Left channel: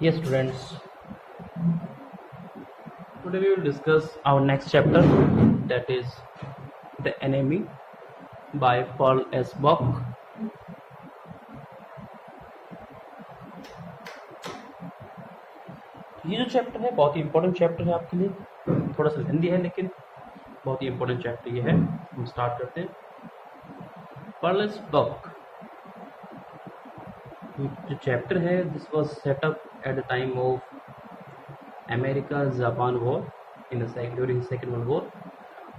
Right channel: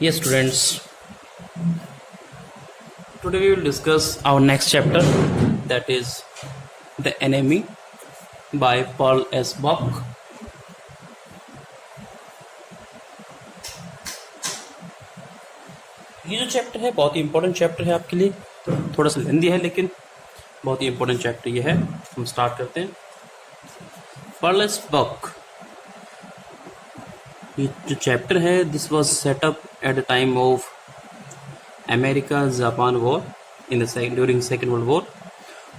Yes, students. Today we will discuss our next chapter, that is The Enemy by Paul S. Buck. ये जो chapter है बहुत ही important chapter है आपके लिए, थोड़ा सा लेंदी है लेकिन बहुत ही इंपॉर्टेंट चैप्टर ये है। हम स्टार्ट करते हैं। पॉल एस बक, ये जो चैप्टर है, this was set up at the time of America Japan war in the during Second World War.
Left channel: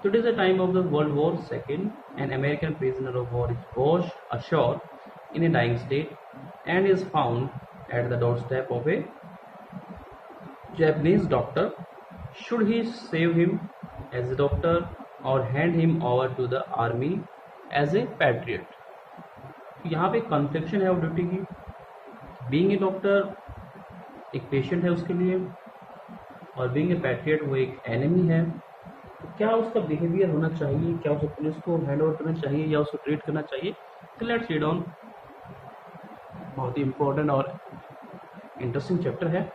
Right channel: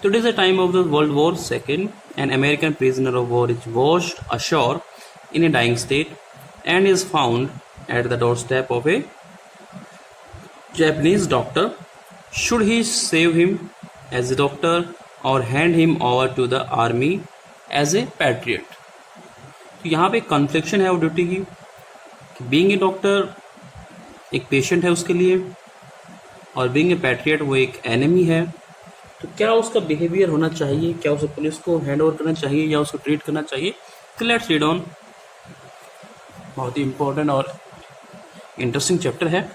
So it is the time of the World War II. An American prisoner of war is washed ashore in a dying state and is found at the doorstep of a Japanese doctor. Should he save him as a doctor or hand him over to the army as a patriot? तो यहाँ पे confliction है वो duty की, being a doctor एक patient है उसके लिए और बीइंग ए पैट्रियट वो एक एनिमी है। तो क्या उसका बिहेवियर होना चाहिए, क्या उसे पुलिस को हैंड ओवर करना चाहिए या उसको ट्रीट करना चाहिए? तो लेट्स रीड ऑन। बहुत ही इंपॉर्टेंट और इंटरेस्टिंग चैप्टर है।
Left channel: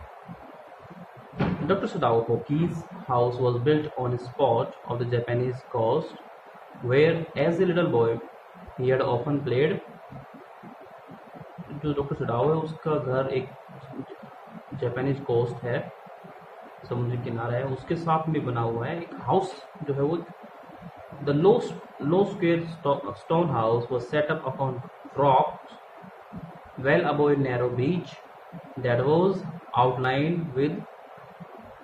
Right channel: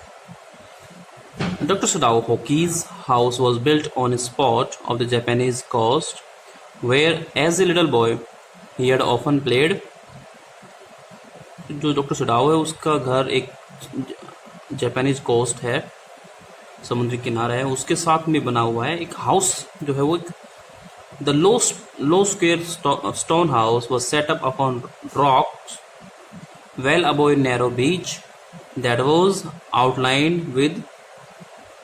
Dr. Sadao Hoki's house was built on a spot of the Japanese coast where as a little boy he had often played. जो डॉक्टर सडाओ है उसका घर एक जापानीज कोस्ट है, समुद्री किनारा है, उसके साथ में बना हुआ है एक हाउस जो है वो the low square stone house was set up upon rocks well above a narrow beach that was outlined with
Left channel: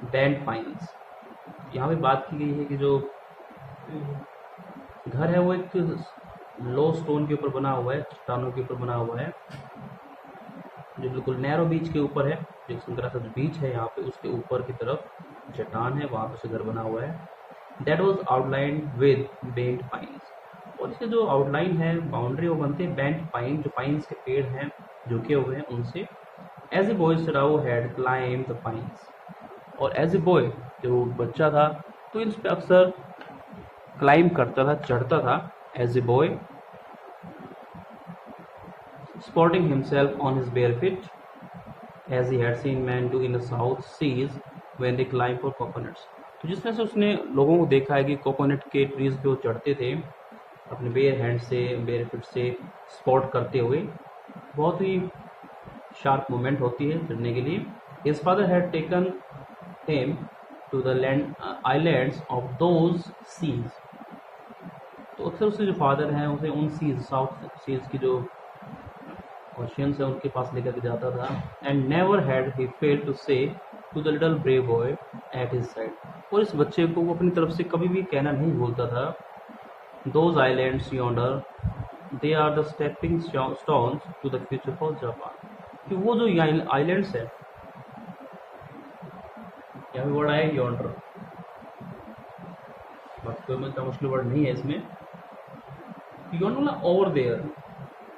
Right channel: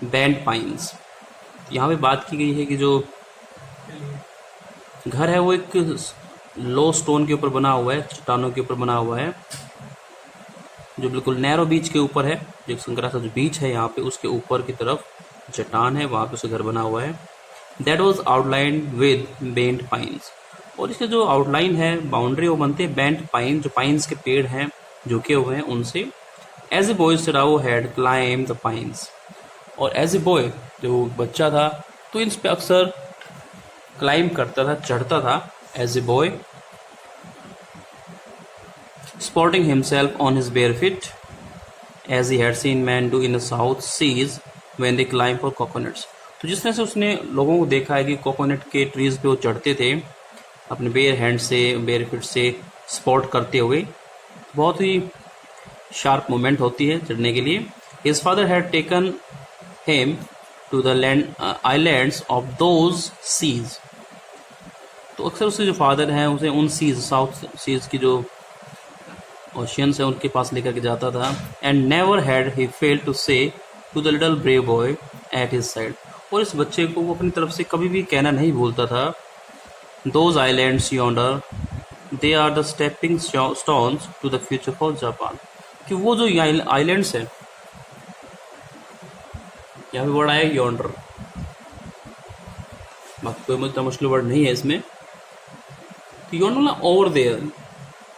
bent pines. यहाँ पे बात की गई है कि जो घर है वो एक लो स्टोन के ऊपर बना हुआ है, चट्टानों के ऊपर बना हुआ है, जो बिल्कुल नैरो बीच के ऊपर है। जो संकरा सा जो बीच है यहाँ पे उसके ऊपर की तरफ चट्टान है, वहाँ पे उसका घर बना हुआ है। That was outline with bent pines, और इसके जो आउटलाइन है, बाउंड्री, वो बनते हैं बेंट पाइन, जो पाइन्स के पेड़ हैं झुके हुए हैं उनसे। As a boy Sadao had climb the pines, और एज ए बॉय जो बच्चा था तो इन पे अक्सर क्लाइम करता था, चढ़ता था as a boy, sporting himself on his bare feet as he had seen men do in the South Seas when they climb for coconuts. तो जिस तरह से उसने लोगों को देखा है कि कोकोनट के ट्रीज पे वो चढ़ते थे अपने बेयर हैंड से, बेयर फीट से स्पॉट करते हुए, बहुत ही शार्प मूवमेंट होती है चढ़ने के लिए। His father had taken him to the islands of those seas. तो अक्सर उसके जो फादर हैं उसे उन सीज, साउथ सीज की जो ओशियंस है उनके पास लेकर के जाता था। And never had he failed to say to the little brave boy at his side, और इस बच्चे को वो अपनी तरफ से कभी भी कहना नहीं भूलता था, those islands yonder they are the stepping stones to the future for Japan, कि वो जो आइलैंड्स है, यहाँ पे वर्ड आया यॉन्डर, बाकी कोई मतलब मुश्किल वर्ड नहीं है इसमें। तो यॉन्डर ना ओवर देयर,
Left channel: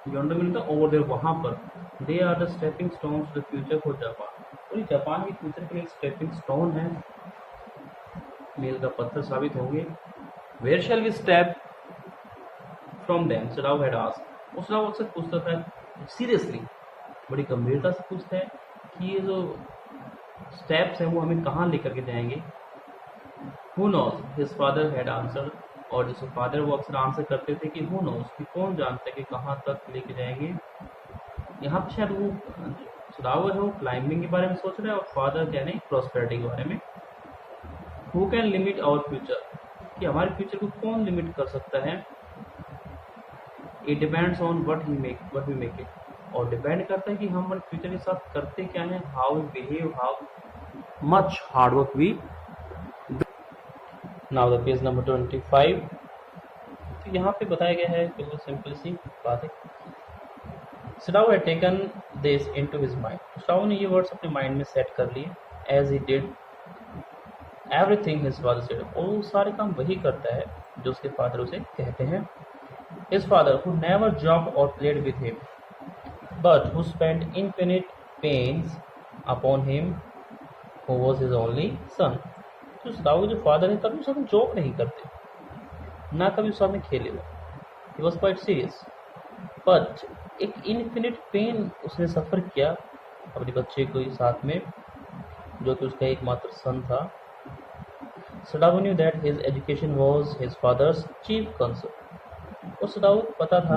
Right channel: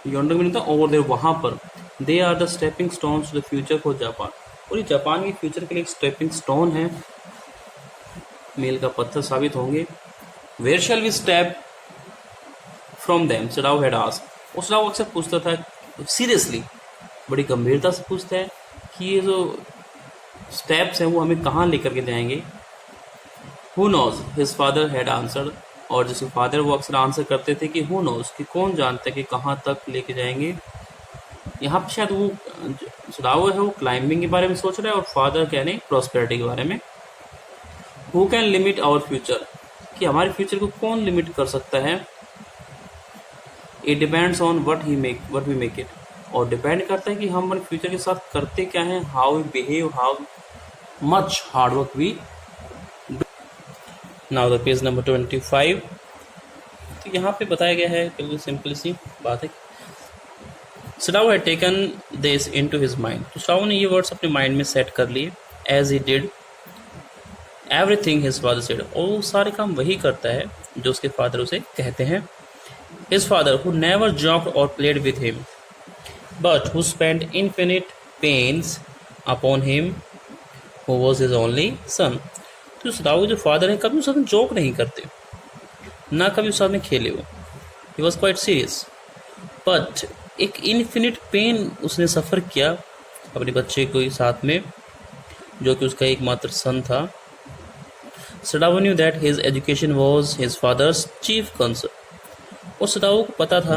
यॉन्डर में नहीं था, ओवर देयर, वहाँ पर। They are the stepping stones to the future for Japan, और ये जापान के फ्यूचर के लिए एक स्टेपिंग स्टोन है, मील का पत्थर साबित होंगे। Where shall we step from them Sadao had asked, उस सडाओ अक्सर पूछता था सीरियसली, बड़ी गंभीरता से पूछता है कि ये जो स्टेप्स हैं वो हमें कहाँ लेकर के जाएंगे। Who knows his father had answered, और जिसके फादर वो अक्सर आंसर करते थे कि हु नोज, कि कौन जानता है कि कहाँ तक लेके जाएंगे। यहाँ पे शायद वो सडाओ है वो क्लाइंबिंग के बारे में सोच रहा है और फादर कहने प्रॉस्पेरिटी के बारे में। Who can limit our future, कि हमारे फ्यूचर को कौन लिमिट कर सकता है। It depends on what we make it, और डिपेंड करता है कि हम हमारे फ्यूचर के साथ करते क्या हैं, how we behave, how much hard work we. Now the page number 25। तो यहाँ पे बताया गया है, बिल्कुल सिंपल सी बात है। Sadao had taken this into his mind, तो सडाओ ने ये वर्ड्स अपने माइंड में सेट कर लिए। As he did everything his father said, और वो सारे काम वही करता है जो उसके फादर उसे कहते हैं। His father who never joked और played with him but who spent infinite pains upon him who was his only son. तो सडाओ के जो फादर हैं कभी उसके साथ जोक नहीं करते, ना कभी उसके साथ में खेले वो, he was quite serious, but एक इन्फिनिट पेन उसने सफ़र किया अपने बच्चे को साथ में, जो कि उसका एकमात्र सन था। Sadao knew that his education was his father's chief concern. और सडाओ को पता था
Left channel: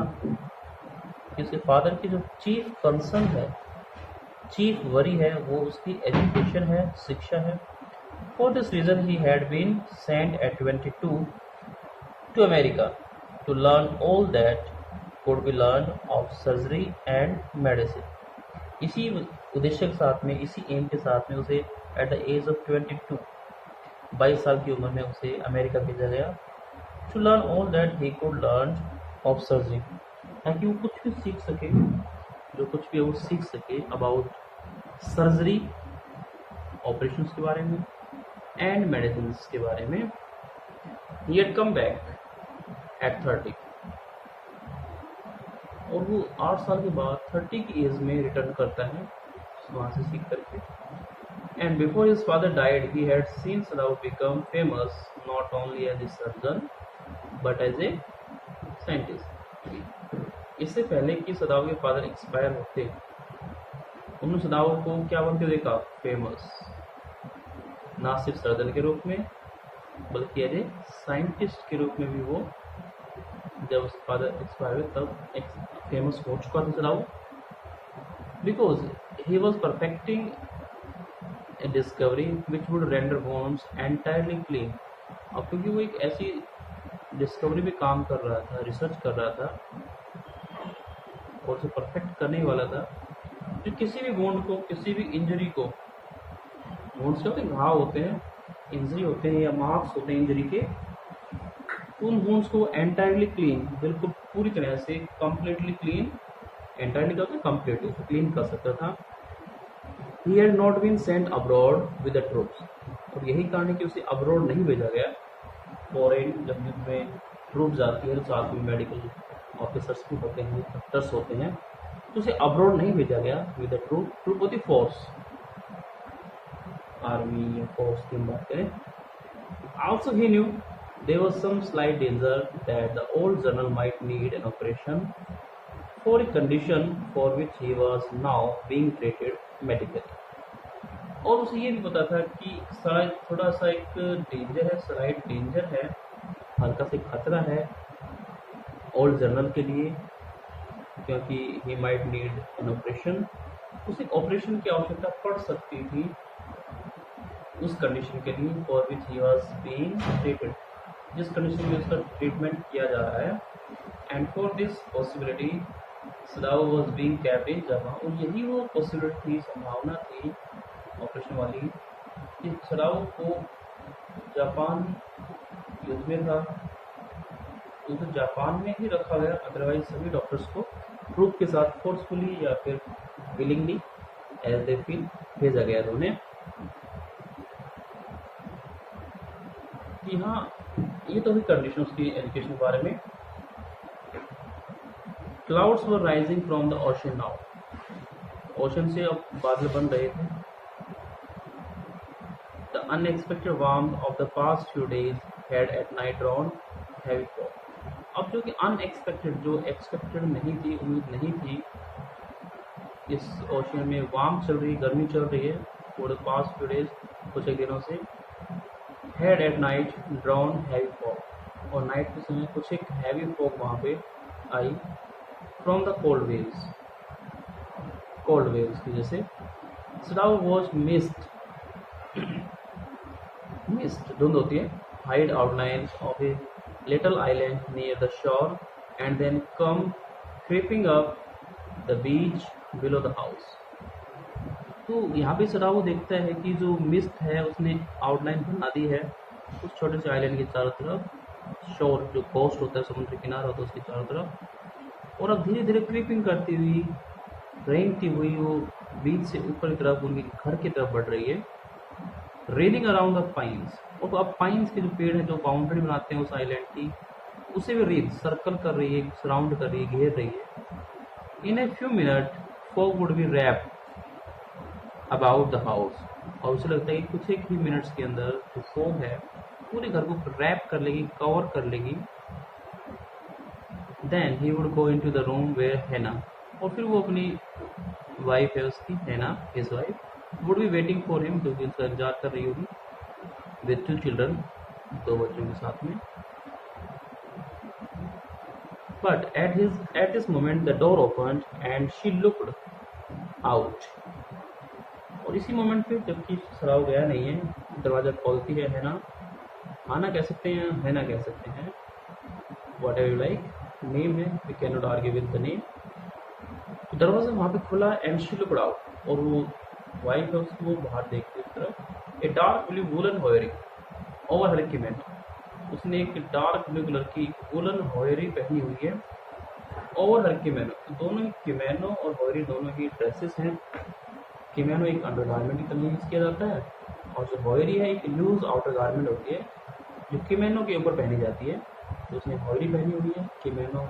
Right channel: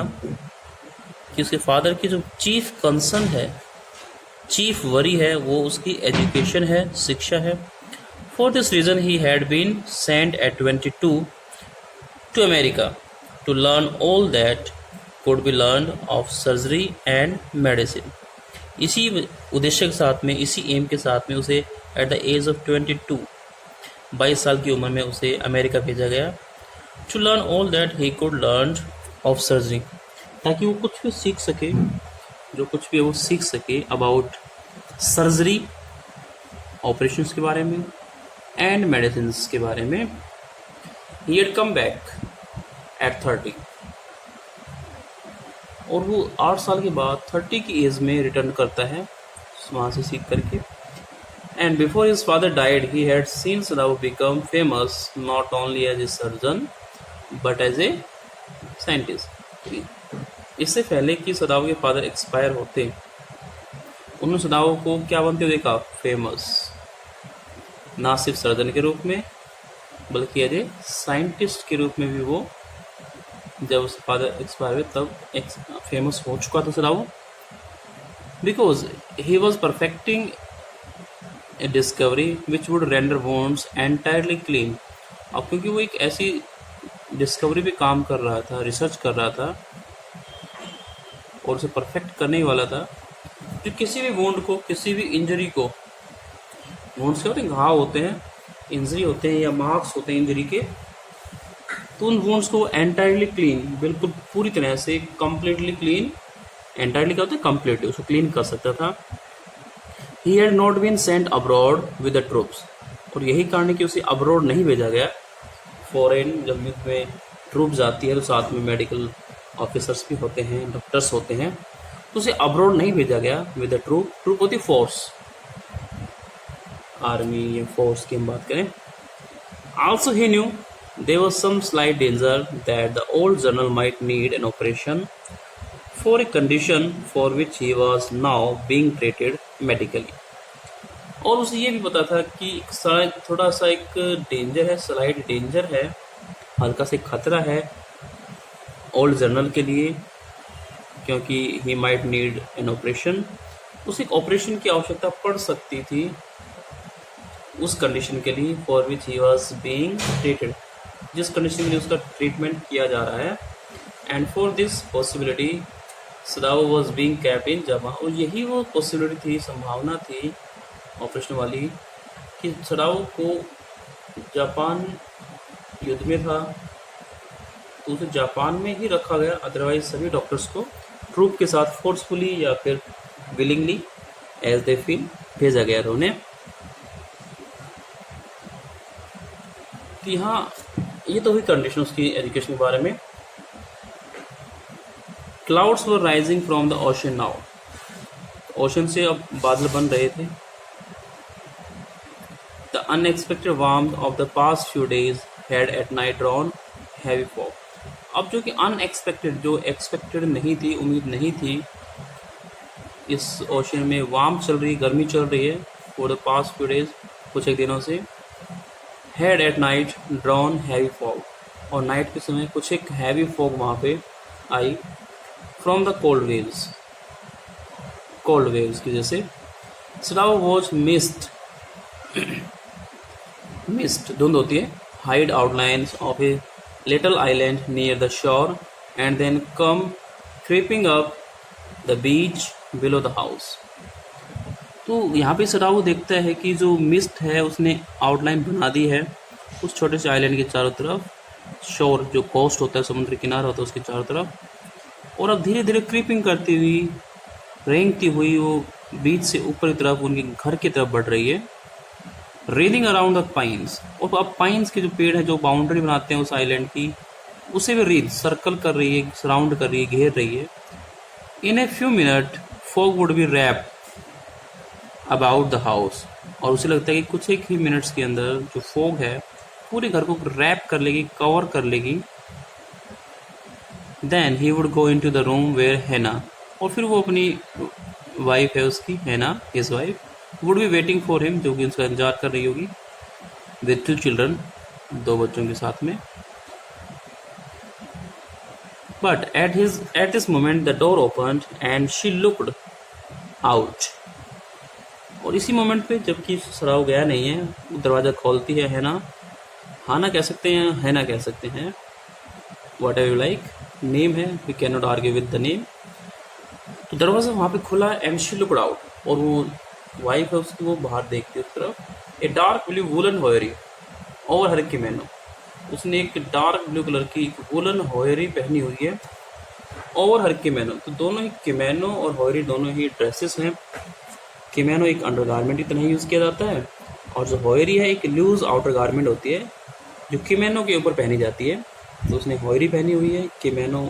कि उसके फादर की जो चीफ कंसर्न है, चीफ वरी है, वो उसकी एजुकेशन है, शिक्षा है। For this reason he had been sent at 22 to America to learn all that could be learned of surgery and medicine। इसी उद्देश्य के साथ में, इसी एम के साथ में उसे एट द एज ऑफ 22, 22 साल की उम्र में उसे अमेरिका भेजा गया। To learn all that he could learn of surgery, ताकि वो कुछ भी सीख सके, जो कुछ भी वो सीख सके अबाउट सर्जरी, ऑपरेशंस के बारे में, एंड मेडिसिन के बारे में। He had come back at 30, और वो 8 साल के बाद 30 की एज में रिटर्न करता है वहाँ से सीख करके। And before his father died he had seen Sadao become famous not only as a surgeon but as a scientist. इससे पहले कि सदाओ के फादर एक्सपायर होते, उन्होंने सदाओ को क्या बनते हुए देखा? फेमस, ना सिर्फ सर्जन के रूप में बल्कि एज ए साइंटिस्ट के रूप में भी वो, जब उसके फादर एक्सपायर हुए तब फेमस हो चुका था Sadao. Because he was perfecting a discovery which would render wounds entirely clean. अब क्योंकि वो एक ऐसी डिस्कवरी पे काम कर रहा था, रिसर्च कर रहा था और उसे परफेक्ट करने वाला था, जो किसी भी वोंड को, किसी भी इंजरी को, वोंड्स के होते हैं, घाव होते हैं, इंजरी होते हैं या मार्क्स होते हैं इंजरी के, तो उन वोन्ड्स को एंटायरली क्लीन, बिल्कुल पूरी तरह से कम्प्लीटली क्लीन, एंटायरली क्या होता है? कम्प्लीटली, उसको क्लीन कर सकता था। He had not been sent abroad with the troops, और यही कारण है कि उसे अब्रॉड नहीं भेजा गया। फॉरेन जब युद्ध में ट्रूप्स आती है तो साथ में मेडिकल ऑफिसर्स भी होते हैं, डॉक्टर्स होते हैं, तो उसे अब्रॉड नहीं भेजा गया विद द ट्रूप। ट्रूप होती फोर्स, आर्मी या फोर्स की हम बात करें। Also he new there was some slight danger that the old general might need an operation for a condition for which he was now being treated medically। और उसे ये भी पता था कि थोड़ा सा एक डेंजर है, स्लाइट डेंजर है, हल्का से खतरा है ओल्ड जनरल के लिए, क्योंकि he might need an operation, उसे एक ऑपरेशन की आवश्यकता पड़ सकती थी उस कंडीशन के लिए, for which he was being treated, जिस कंडीशन के लिए उसका ट्रीटमेंट किया जा रहा है। And for this possibility Sadao was being capped in Japan, और यही वो पॉसिबिलिटी थी, संभावना थी ऑपरेशन वाली, कि सदाओ को जापान युद्ध में था तो उसे जापान में ही रखा गया, अदरवाइज सभी डॉक्टर्स को ट्रूप के साथ फोर्सफुली या फिर विलिंगली एज दे फील भेजा गया था उन्हें। तो यहाँ ये तो हुई कंडीशन उसकी एजुकेशन के बारे में। Clouds were rising from the ocean now, ocean से अब बादल बन रहे थे। The unexpected warmth of the past few days had at night drawn heavy fog. अब जो कि अनएक्सपेक्टेड, जो एक्सपेक्टेड नहीं थी, उम्मीद नहीं थी, इस ओशन में वार्म चल रही, गर्मी चल रही है for the past few days, कुछ एक दिनों से। Had at night drawn heavy fog, और नाइट के समय कुछ एक हैवी फॉग वहाँ पे आई फ्रॉम द कोल्ड वेव्स की वजह से। सदाओ वॉज मिस्ट धुंध होती है, hide outlines of a little island near the shore and then come creeping up the beach below the house. तो यहाँ पे सदाओ देखता है कि जो मिस्ट है उसने आउटलाइन बना दी है उस छोटे से आइलैंड के चारों तरफ, शोर जो कोस्ट होता है, समुद्र किनारा होता है, उसके चारों तरफ, और अब धीरे धीरे क्रीपिंग करती हुई, रेंगती हुई वो बीच से ऊपर की तरफ उनके घर की तरफ बढ़ रही है। रेलिंग अराउंड द पाइन्स, और अब पाइन्स के जो पेड़ है जो बाउंड्री बनाते हैं उस आइलैंड की, उसे भी रेत सर्कल कर रही है, सराउंड कर रही है, घेर रही है। In a few minute fog would be wrap about the house, और उसे लगता है कि कुछ एक ही मिनट्स के अंदर जो फॉग है पूरे घर को रैप कर लेगी, कवर कर लेगी। Then he would go into the room where Hana और फिर वो अपनी वाइफ है उसकी, है ना, his wife, would be waiting for him, जो कि उसका इंतजार कर रही होगी, विद 2 चिल्ड्रन, 2 बच्चों के साथ में. But at this moment the door opened and she looked out. और इसी मोमेंट पे, जबकि सराव गया नहीं है, वो दरवाज़ा खोलती है ना, हाना कह सकते हैं, है ना कह सकते हैं, whatever you like, name है, we can not argue with the name. तो दरवाज़ा वहाँ पे खुला एंड शी लुक्ड आउट, और वो वाइफ है उसकी, वो बाहर देखती है उस तरफ. A dark blue woollen haori over her kimono, उसने एक डार्क ब्लू कलर की वुलन होयरी पहनी हुई है ओवर हर किमेनो. तो दोनों ही किमेनो और होयरी दोनों ही ड्रेसेस हैं. किमेनो एक अंडर गारमेंट की तरह यूज़ किया जाता है, और जो होयरी है एक लूज आउटर गारमेंट होती है जो किमेनो के ऊपर पहनी जाती है. तो उसने होयरी पहनी हुई है. किमेनो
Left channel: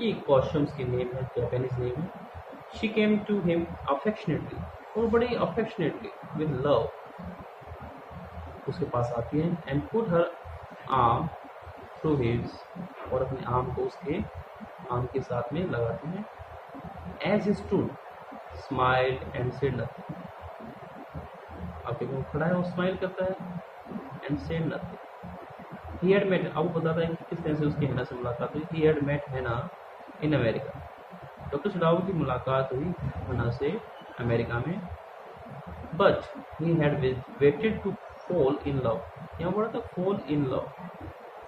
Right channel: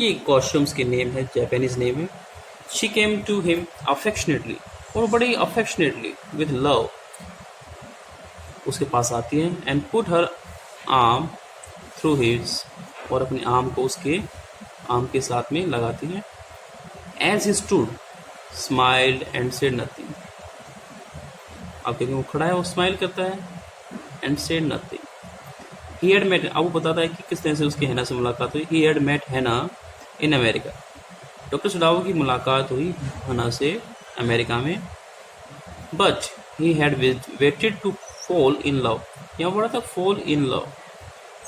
ये कॉस्ट्यूम्स की नेम है, जापानीज नेम है. She came to him affectionately, और बड़ी अफेक्शनेटली विद लव उसके पास आती है. And put her arm through his, और अपने आर्म को उसके आर्म के साथ में लगाती है. As he stood smiled and said nothing. आप देखें वो खड़ा है, वो स्माइल करता है, and said nothing. He had met, अब वो बताता है कि किस तरह से उसकी हैना से मुलाकात हुई. ही हैड मेट हैना इन अमेरिका. डॉक्टर सुडाओ की मुलाकात हुई हैना से अमेरिका में. But he had waited to fall in love. यहाँ पढ़ा था fall in love.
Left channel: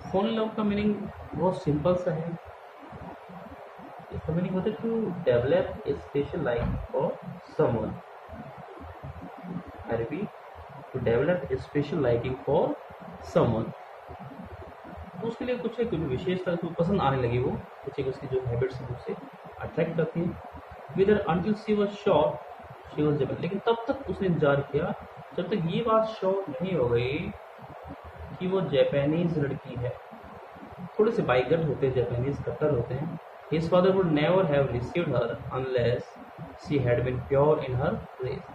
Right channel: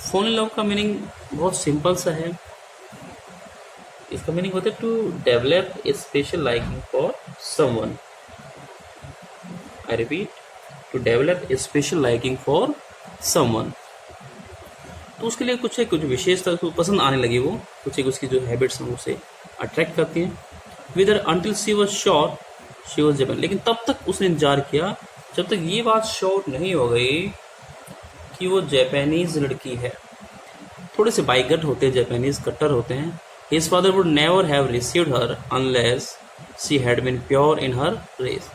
Fall in love का मीनिंग बहुत सिंपल सा है. इसका मीनिंग होता है to develop a special liking for someone. I repeat, to develop a special liking for someone. तो उसके लिए कुछ विशेषता उसको पसंद आने लगी, वो कुछ एक उसकी जो हैबिट्स हैं उसे अट्रैक्ट करती हैं. Whether until she was sure she was Japan. लेकिन तब तक उसने इंतजार किया जब तक ये बात श्योर नहीं हो गई कि वो जापानीज लड़की है. थोड़े से बाइगट होते हैं, जापानीज कट्टर होते हैं. His father would never have received her unless she had been pure in her race.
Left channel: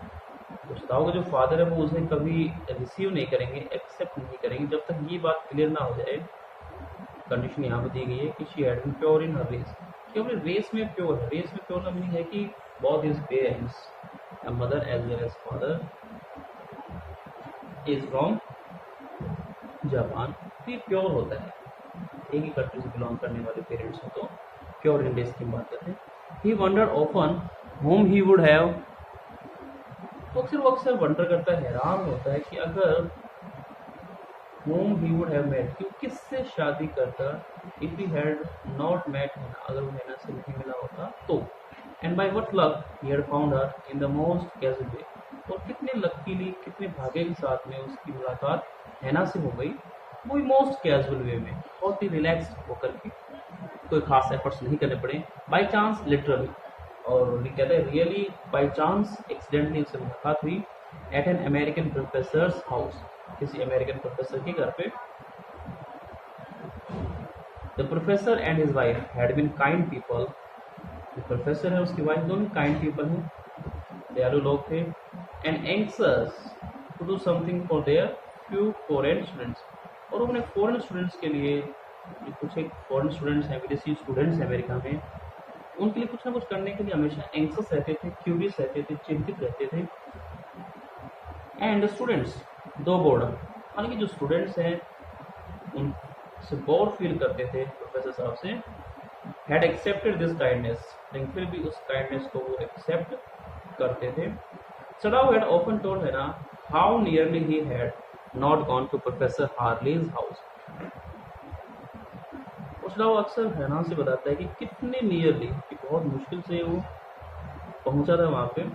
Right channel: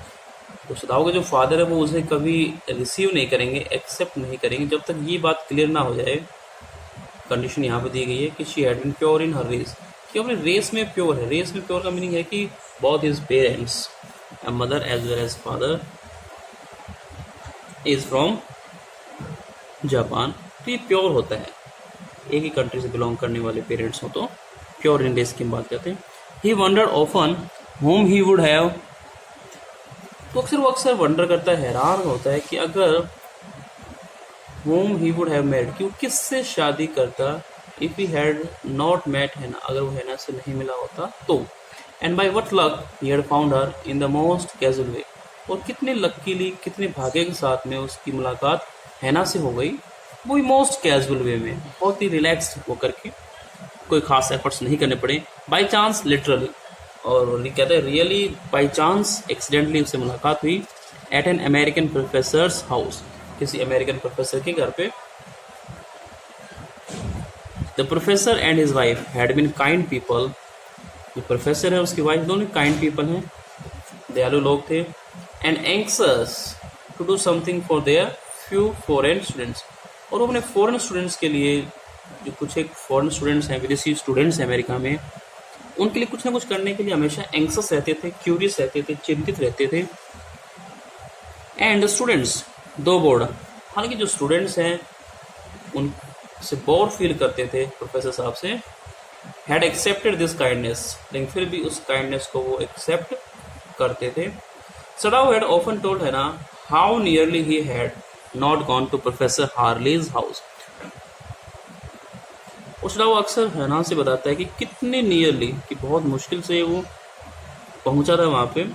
तो सदाओ के जो फादर है वो उसे कभी रिसीव नहीं करेंगे, एक्सेप्ट नहीं करेंगे, जब तक ये बात क्लियर ना हो जाए. कंडीशन यहाँ पे दी गई है कि she had been pure in her race, कि अपने रेस में प्योर है. रेस में प्योर का मीनिंग है कि both his parents, mother as well as father, is from Japan. तो ये प्योर होता है, एक ही कंट्री से बिलोंग करने वाले पेरेंट्स हो तो प्योर इन रेस की बात करते हैं. He wondered often whom he would have. तो वो अक्सर वंडर करता है, हैरान होता है कि अगर whom he would have met, कि वो किससे शादी करता, if he had not met Hana, अगर वो हैना से नहीं मिला होता तो. And by what luck he had found her in the most casual way. और कितने लकीली, कितने भाग्य के साथ में उसकी मुलाकात हैना से हो गई, वो भी मोस्ट कैजुअल वे में, बहुत ही रिलैक्स होकर के, कोई खास एफर्ट्स नहीं करने पड़े. बाय चांस, लिटरली, और ये कहते हैं रियली बाय चांस, एक्सीडेंटली उससे मुलाकात हुई. At an American professor's house, किसी अमेरिकन प्रोफेसर के घर पे. The professor and his wife had been kind people. जो प्रोफेसर है उसकी वाइफ दोनों काइंड पीपल हैं, दयालु लोग थे. And anxious to do something for their few foreign students. और वो अपने फॉरेन स्टूडेंट्स के लिए, जो कुछ एक फॉरेन स्टूडेंट्स हैं, विदेशी स्टूडेंट्स हैं अमेरिका में, उनके लिए कुछ ना कुछ करने के लिए हमेशा एंक्सस रहते थे, क्यूरियस रहते थे, चिंतित रहते थे. एंड स्टूडेंट्स दो बोर्ड, हालांकि जो स्टूडेंट्स हैं उनसे बोर फील करते थे प्रोफेसर साहब से. हैड एक्सेप्टेड दिस काइंडनेस, लेकिन फिर भी उस काइंडनेस को वो एक्सेप्ट करते थे. सडाओ हैड ऑफन टोल्ड है ना how nearly he had not gone to professor Harley's house. Sadao अक्सर हैना से बताता है कि कितने नियरली, कि बहुत मुश्किल से वो पहुंचा था वहाँ पे,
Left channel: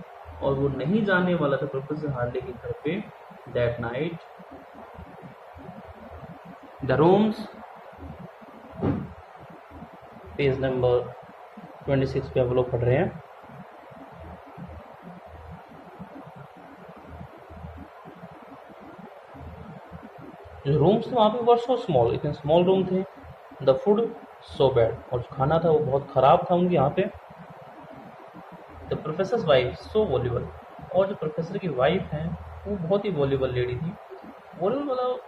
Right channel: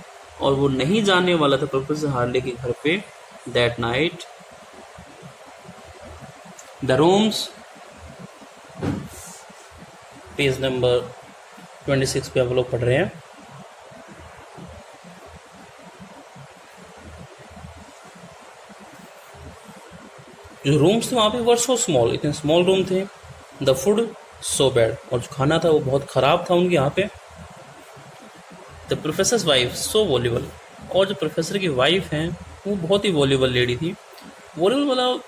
और वो नहीं जाने वाला था प्रोफेसर हार्ले के घर पे that night. The rooms, page number 26 पे आप लोग पढ़ रहे हैं. जो रूम्स थे वहाँ पे वर सो स्मॉल, इतने स्मॉल रूम थे. द फूड सो बैड, और जो खाना था वो बहुत ख़राब था उनके यहाँ पे. The professor's wife so voluble, और जो प्रोफेसर की वाइफ हैं वो बहुत ही वॉल्यूबल लेडी थी. वॉल्यूबल मतलब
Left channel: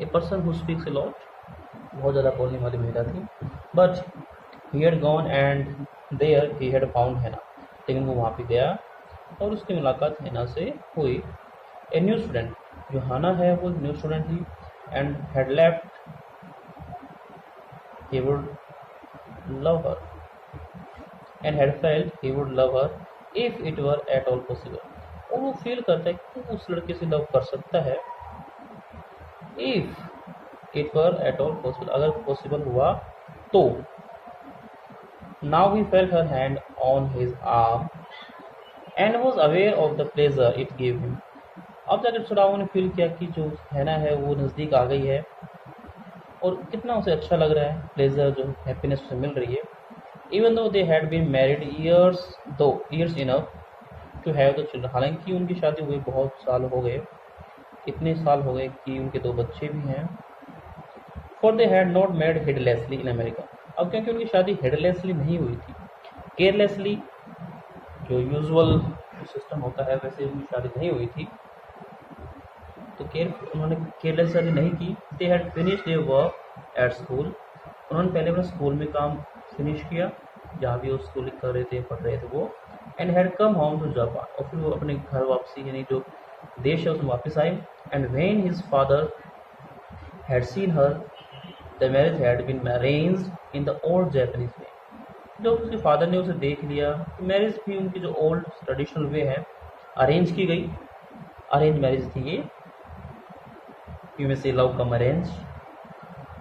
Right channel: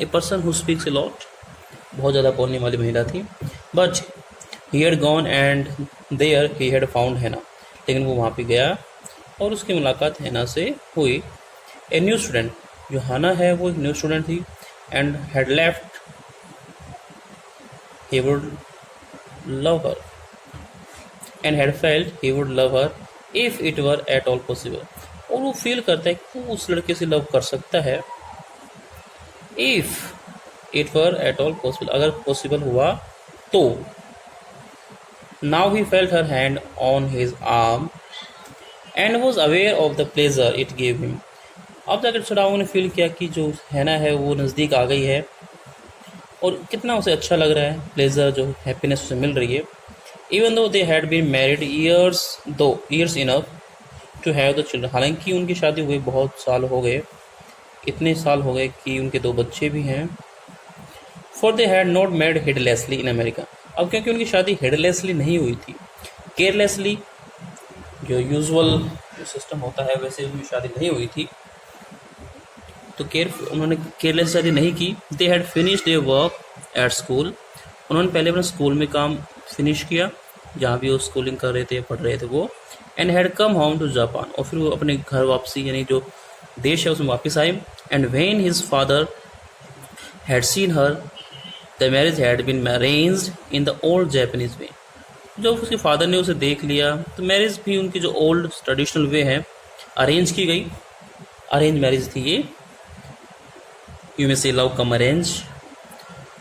a person who speaks a lot, बहुत ज़्यादा बोलने वाली महिला थी. But he had gone and there he had found Hana, लेकिन वो वहाँ पे गया और उसकी मुलाकात हैना से हुई। ए न्यू स्टूडेंट, जो हाना है वो एक न्यू स्टूडेंट थी, and had left he would love her and had felt he would love her if it were at all possible, और वो फील करता है कि वो उस लड़के से लव कर सकता है if it were at all possible, अगर पॉसिबल हुआ तो। Now he felt her hand on his arm and was aware of the pleasure it gave him. अब जाकर सदाओ ने फील किया कि जो हैना है वो नज़दीक आ गई है और कितना उसे अच्छा लग रहा है, प्लेजर जो हैप्पीनेस उसे मिल रही है। Even though they had been married years enough to have the children, हालांकि उनकी शादी हुई बहुत साल हो गए, इतने साल हो गए कि उनके 2 बच्चे भी हैं। For they had not made heedlessly in America, अब क्योंकि उनकी शादी हेडलेसली नहीं हुई थी, केयरलेसली जो यूजुअल सिस्टम होता है वैसे उनकी शादी नहीं हुई थी, तो उन्होंने केयरलेस शादी नहीं की। They had finish their work at school, उन्होंने पहले अपने स्कूल में काम फिनिश किया जहाँ भी वो स्कूलिंग कर रहे थे पढ़ रहे थे वो, and had come home to Japan, और फिर वो अपने घर वापसी यानी जो देश है उसमें वापस आए। And when his father had seen her the marriage had been arranged in the old Japanese way, जब उसके फादर ने उसे देख लिया तो मैरिज भी उनकी जो ओल्ड ट्रेडिशनल वे है अरेंज की गई, अरेंज मैरिज थी ये, यू में से लव कम अरेंज।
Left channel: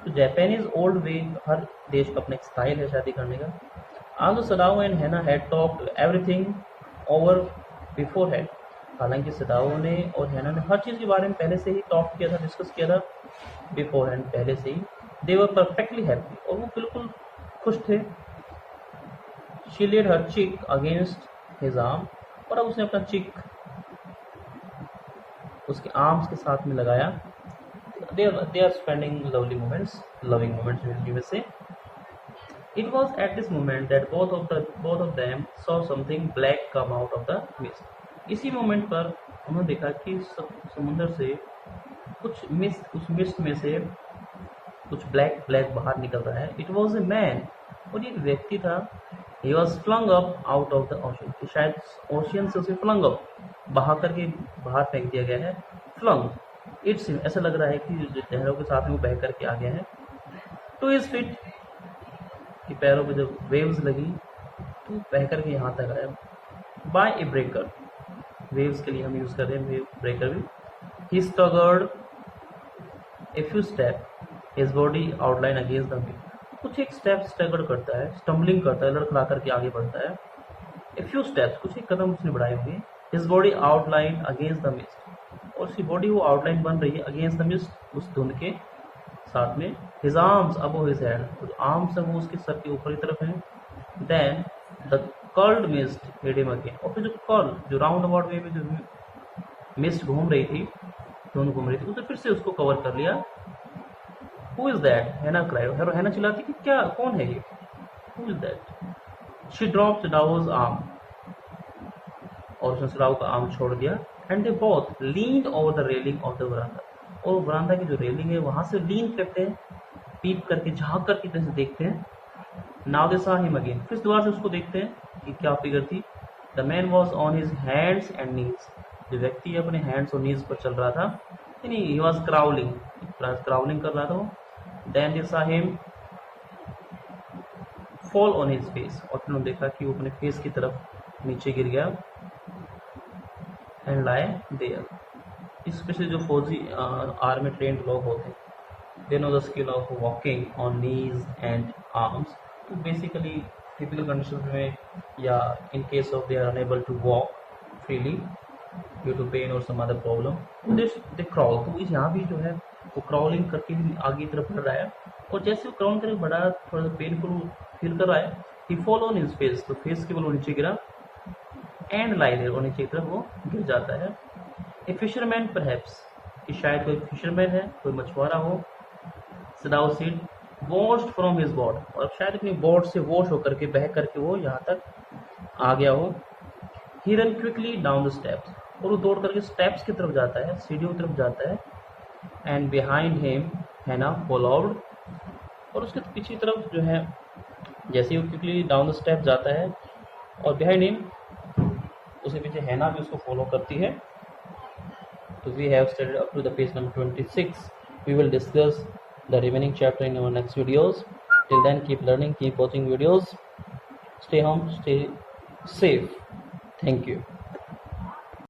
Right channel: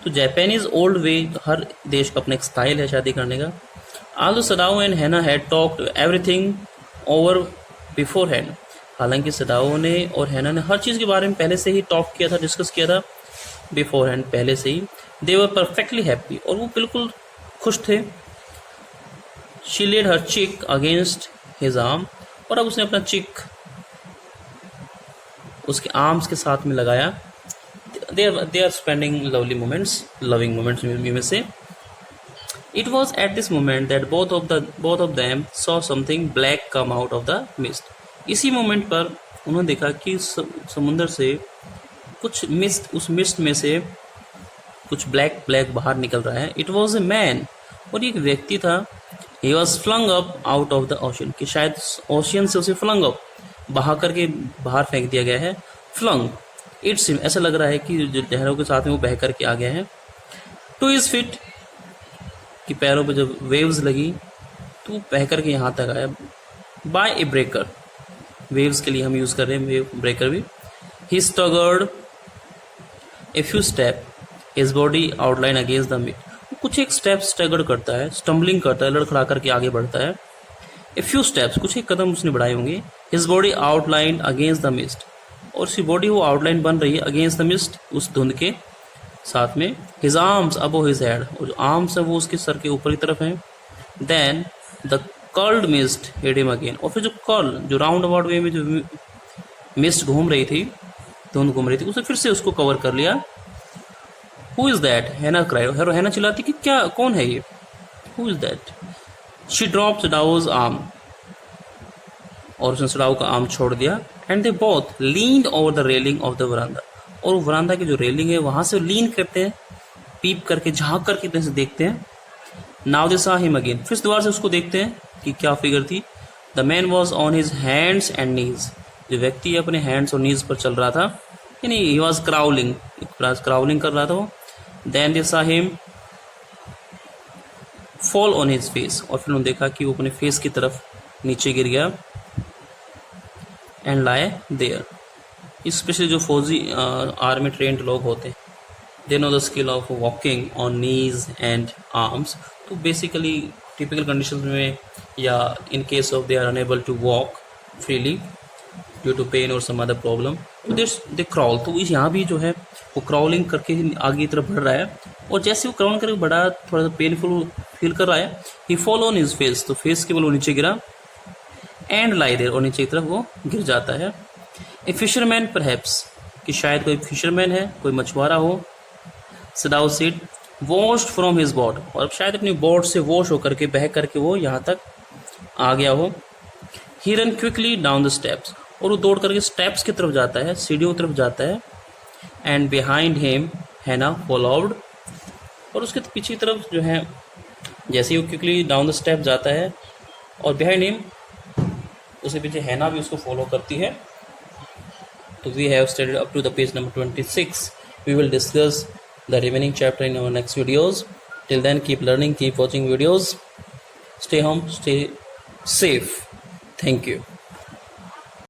तो जापानीज ओल्ड वे, हर देश का अपना एक स्टाइल है शादी करने का। आल्दो सदाओ एंड हैना had talked everything over before hand, हालांकि सदाओ ने और हैना ने हर चीज़ के बारे में पहले से ही टॉक किया था, डिस्कस किया था बिफोर हैंड, पहले से ही। दे वर परफेक्टली हैप्पी, और वो बिल्कुल खुश थे। शी लेड हर चिक अगेंस्ट हिज आर्म, और अब उसने अपना चिक उसके आर्म्स के साथ में लगाया। they are spending loving moments में से। It was at this moment that both of them saw something black come out of the mist. इसी मोमेंट पर उन्होंने देखा कि समुद्र से कुछ मिस्ट, उस मिस्ट में से कुछ ब्लैक बाहर निकल रहा है। It was a man, और एक व्यक्ति था। He was flung up out of the ocean, कि शायद ओशियन से उसे flung up, बहा करके बाहर फेंक दिया गया है। flung, इट्स ऐसा लग रहा है कि जो लहरों के साथ में वो बह करके आ गया है। टू हिज फीट, कि पैरों पे जब वेव्स लगी तो बह करके यहाँ तक आया। बाय ए ब्रेकर, वेव्स के लिए हम यूज़ कर रहे हैं वेव ब्रेकर भी। He staggered a few step, his body outline against the mist, कुछ एक स्टेप स्टगर्ड करता है, स्टम्बलिंग करता है, लड़खड़ा करके आगे बढ़ता है। ए फ्यू स्टेप्स, कुछ एक कदम उसने बढ़ाए होंगे। His body outline against the mist, और उसकी बॉडी वो आउटलाइन बन रही है अगेंस्ट द मिस्ट, उस धुंध के साथ में। His arms above his head, और जो आर्म्स है वो उसके सर के ऊपर की तरफ है। Then the curled mist hid him again, और फिर जो कर्ल, जो राउंड अबाउट वे में जो मिस्ट घूम रही थी, धुंध घूम रही थी, उसे फिर से उसको कवर कर लिया। Who is that, Hana cried, Hana चिल्लाती कि क्या, कौन है ये, who is that. She dropped Sadao's arm, और उसने सदाओ का आर्म छोड़ दिया। And they both leaned over the railing of the veranda, और वरांदा की जो रेलिंग है वहां से लीन करते हैं, पीप करके झांक करके इतने से देखते हैं। Now they saw him again, फिर दोबारा से उसको देखते हैं कि क्या फिगर थी। The man was on his hands and knees, जो व्यक्ति अपने हैंड्स और नीज पर चल रहा था, यानी ही वॉज क्राउलिंग कर रहा था वो। Then they saw him fall on his face, और फिर उन्होंने देखा कि वो अपने फेस की तरफ नीचे गिर गया। एंड लाई देयर, स्पेशली जो फौजी आर्मी ट्रेंड लोग होते हैं, they know the skill of walking on knees and arms. तो बेसिकली टिपिकल कंडीशन में, या in case of they are unable to walk freely due to pain और some other problem, तो दे क्रॉल। तो इस यहाँ भी जो है वो क्राउलिंग करके आगे की तरफ बढ़ रहा है, और जैसे वो क्राउल करके बढ़ा, थोड़ा सा पेनफुल फील कर रहा है। ही फॉल ऑन हिज फेस, तो फेस के बल वो नीचे गिरा। एंड लाई देयर, और नीचे की तरफ वो गिर जाता है। ए फिशरमैन परहैप्स, कि शायद कोई फिशरमैन है, कोई मछुआरा हो। Sadao said washed from his boat, और शायद अपनी बोट से वॉश होकर के, बह करके वो यहाँ तक आ गया हो। He run quickly down the steps, और वो दौड़ करके स्टेप्स की तरफ जाता है, सीढ़ियों की तरफ जाता है। एंड बिहाइंड हिम हैना फॉलोड, और उसके पीछे की तरफ जो है जैसे ही वो क्विकली डाउन द स्टेप जाता है और बिहाइंड हिम उसके पीछे हैना भी उसको फॉलो करती है. तो we have studied up to the page number 26. We will discuss the remaining chapter in our next videos. Till then, keep learning, keep watching videos. Stay home, stay safe. Thank you.